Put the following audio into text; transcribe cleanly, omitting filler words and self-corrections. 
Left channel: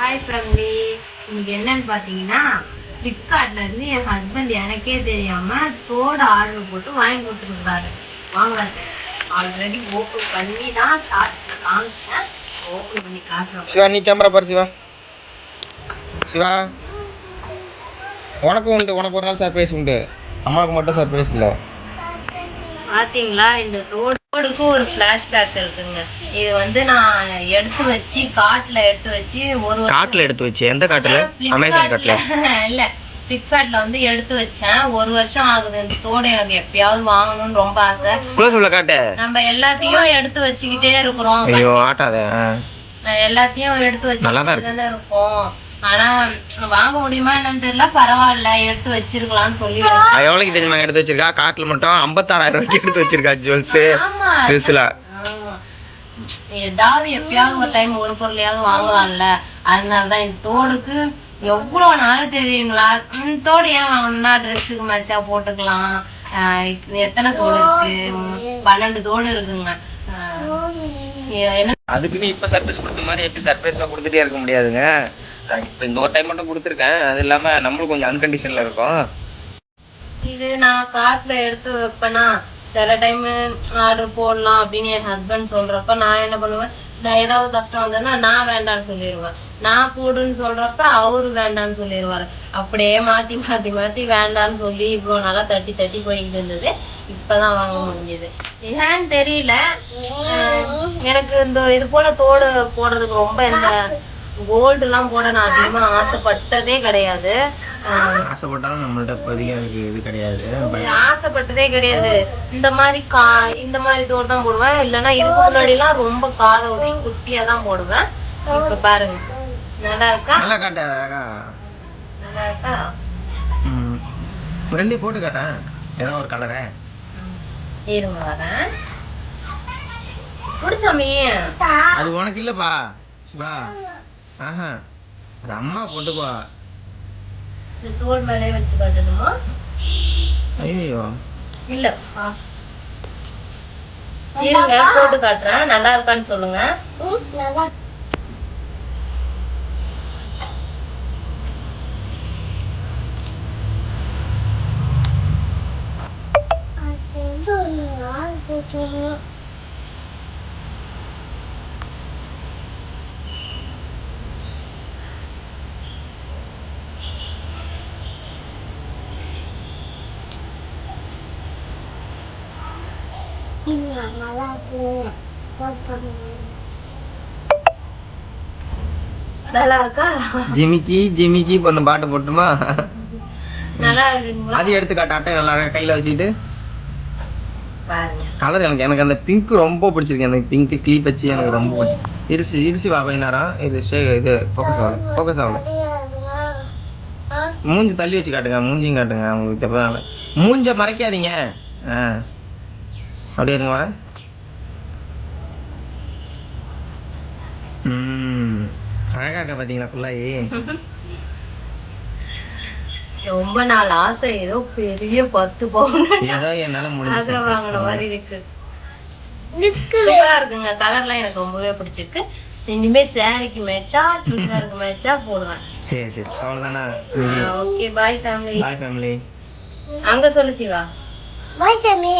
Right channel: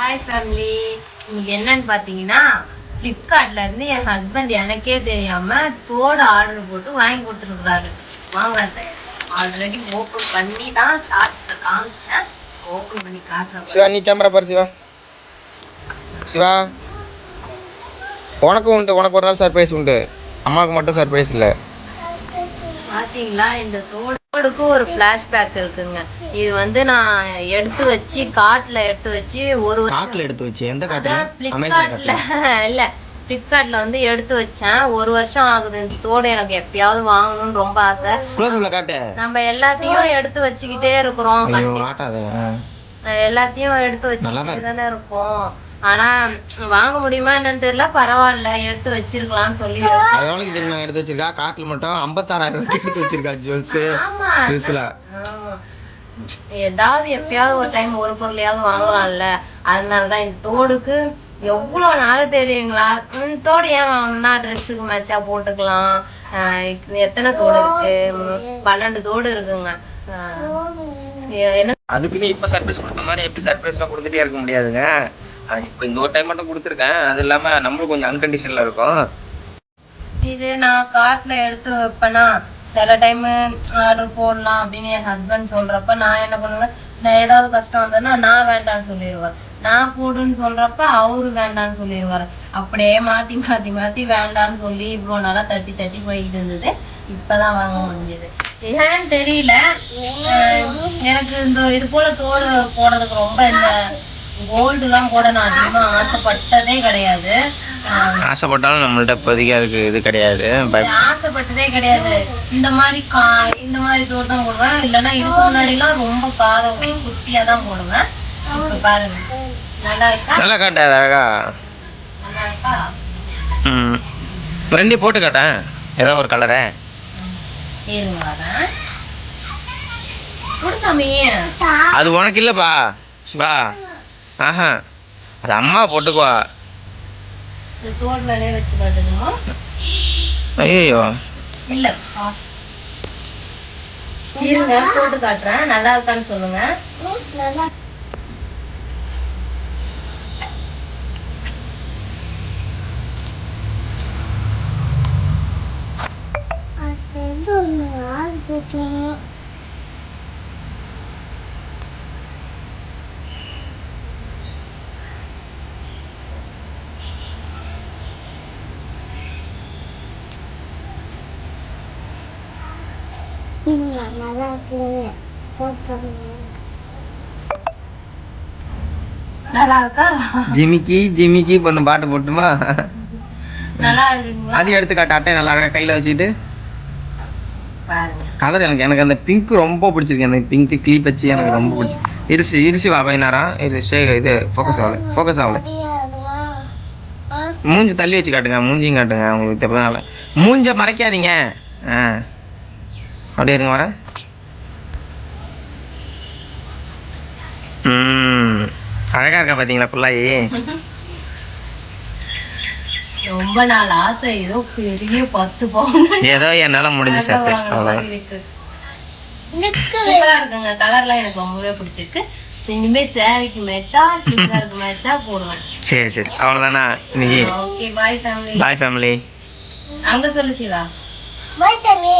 Hi family, இன்னைக்கு என்னன்னு பார்த்தீங்கன்னா ஃப்ளிப்கார்ட்ல இருந்து என் ஹஸ்பண்ட் எனக்கே தெரியாம தோடு ஆர்டர் போட்டு வாங்கி கொடுத்துருக்காரு. வாங்க, ஆல்ரெடி ஓப்பன் பண்ணி தான் ஷார்ட்ஸ்ல காமிச்சேன். ஓப்பன் பண்ணி காட்டுறேன். சிவா, நீ கேமரா பாரு. சிவா சிவா உனக்கும் உண்டு, உனக்கு ஒரு நாள் சர்ப்ரைஸ் உண்டு, அம்மாவுக்கு மட்டும் சர்ப்ரைஸ் இல்லை. பார்த்தீங்களா, இந்த தோடுக்கு ஒரு ஃப்ளாஷ்பேக் இருக்குங்க. இது வந்து நான் எடுத்து வச்சு காட்டில் எடுத்து வச்சு காட்டில் எடுத்து வச்சு எந்த காட்டில்? அமேசான் காட்டில் இல்லை, ஃப்ளிப்கார்ட்ல வந்து எடுத்து வச்சேன். 1 வருஷம் ஆகுது. இந்த தோடு எனக்கு எப்பயாவது வாங்கணும்னு ரொம்ப ஆசை. நம்ம எல்லாத்தையும் எடுத்து வச்சுக்கிட்டே இருக்கிறோம். ஐயோ ஆட்டாத, எல்லாத்தையும் எடுத்து வச்சுக்கிட்டு தானே இருக்கோம். ஆனா வாங்க முடியுமா என்னன்னு தெரியல. பரவாயில்ல, எடுத்து வச்சிருக்கலாம்னு சொல்லி. எவ்வளவுக்கு தெரியுமா எடுத்து வச்சிருக்கா? காட்டுல மட்டும் 56,000 ரூபாய்க்கு எடுத்து வச்சிருக்கா ஜுவல்ஸ். ஏதாவது எப்பயாவது ஒரு டைம் ஒரு பொருளையாவது வாங்கலாம்ல. அதனாலதான் இந்த தோடுக்கு எவ்வளவு நாள் தெரியுங்களா. தோடு ஏன் வாங்கணும்னா ட்ரெஸ்ஸுக்கு மேட்சா போட்டுக்கலாம். எத்தனை தோடு இருக்கு? 12 தோடு இருக்குங்க. அதுக்குன்னு இப்ப சர்ப்ரைஸ் கொடுத்த மாதிரி எப்படி சர்ப்ரைஸ் எல்லாம் கொடுத்துட்டே இருக்க முடியாதுங்க. இப்ப இந்த ஒரு டைம் மட்டும் கொடுத்துருக்கேன். அது இல்லாம நம்மளும் கொஞ்சம் அன்கண்டிஷன்ல இருக்கும். இது நான் காட்டுல எடுத்து வைப்பேனா, சில டைம் ஆர்டர் போடலாம் அப்படின்னு என் ஹஸ்பண்ட் சொல்றப்ப நான் என்ன பண்ணுவேன், நான் ஏதாவது கஷ்டம் வந்ததுன்னா நான் வேண்டான்னு சொல்லிடுவேன். நான் போடுன்னு சொல்றப்ப அவரு வேண்டான்னு சொல்லிடுவாரு. அப்படியே மாத்தி மாத்தி மாத்தி வேண்டான்னு சொல்லி இவ்வளவு நாளா தட்டி தட்டி போய்கிட்டு இருந்தது. இப்பதான் வாங்க முடிஞ்சது. ஏன்னு தெரியல, எனக்கு இந்த இது போல தோடு போடுறதுக்கு ரொம்ப இந்த கோல்டு எல்லாம் போட நான் அதிகமா ஆசைப்பட்டதே கிடையாது. ஆசைப்பட்டாலும் நம்மள்ட்ட இப்போதைக்கு அதுக்கு இது கிடையாது, ஆசைப்பட்டதே கிடையாது. இந்த மாதிரி தோடு தான் போடுவேன். இல்லைன்னா இதுக்கு முன்னாடி எல்லாம் ரொம்ப காதோட குட்டியா தான் போடுவேன். இப்ப பாருங்க, நல்லா இருக்கா? நல்லா காட்டாது, அழகா நல்லா இருக்கா? ரெண்டையும் போட்டு காட்டேன், ஏதோ ஒரு கலரை. இருங்க வரேன். முடிசாமி, அது உனக்கு இல்லப்பா சிவா. ஆஹா, அது அம்மா போட்டுக்குவா. தோல் மேலே வச்சு காட்டணுமா? ஐயோ இல்ல, இருங்க போட்டு காட்டுறேன். நல்லா இருக்கான்னு சொல்லுங்க. நல்லா இருக்கா? ஜிமிக்கி ஜிமிக்கி பொண்ணு பாட்டு போட்டுமா? நல்லா இருக்குங்களா? அது எடுத்து காட்ட, அட்டை நல்லா இருக்கா கையில வச்சுக்கிட்டு பாருங்க. கலர் எனக்கு அந்த பிங்க் ரொம்ப பிடிச்சிருக்கு. எனக்கு பிங்க் கிளிப் வச்சு எனக்கு ரொம்ப பிடிச்சி. இருசி வா நேரம் இது ஃபோக்கஸ் ஆகல. மூஞ்சி தள்ளி வச்சு காட்டுங்க, மூஞ்சியும் காட்டுங்க. உங்களுக்கு தெரியல, மூஞ்ச மறைக்காதீங்க. அப்படியே இருங்க, வர. அழகா இருக்கா பாத்தீங்களா புள்ளாயி? ரொம்ப நாள் ஆசை, ஏதோ பெரிய 10 பவுன் ஏதோ என்னால முடிஞ்ச சர்ப்ரைஸ் இருக்குங்க. கலர்லாம் எனக்கு ரொம்பவே பிடிச்சிருக்கு. இனிமே சாரிக்கு மேட்சா சுடிதாருக்கு மேட்சா போடுவேன். சரி அவ்வளவுதானா? Okay, bye family. Bye family. அங்க சொல்லு சிவா. By family.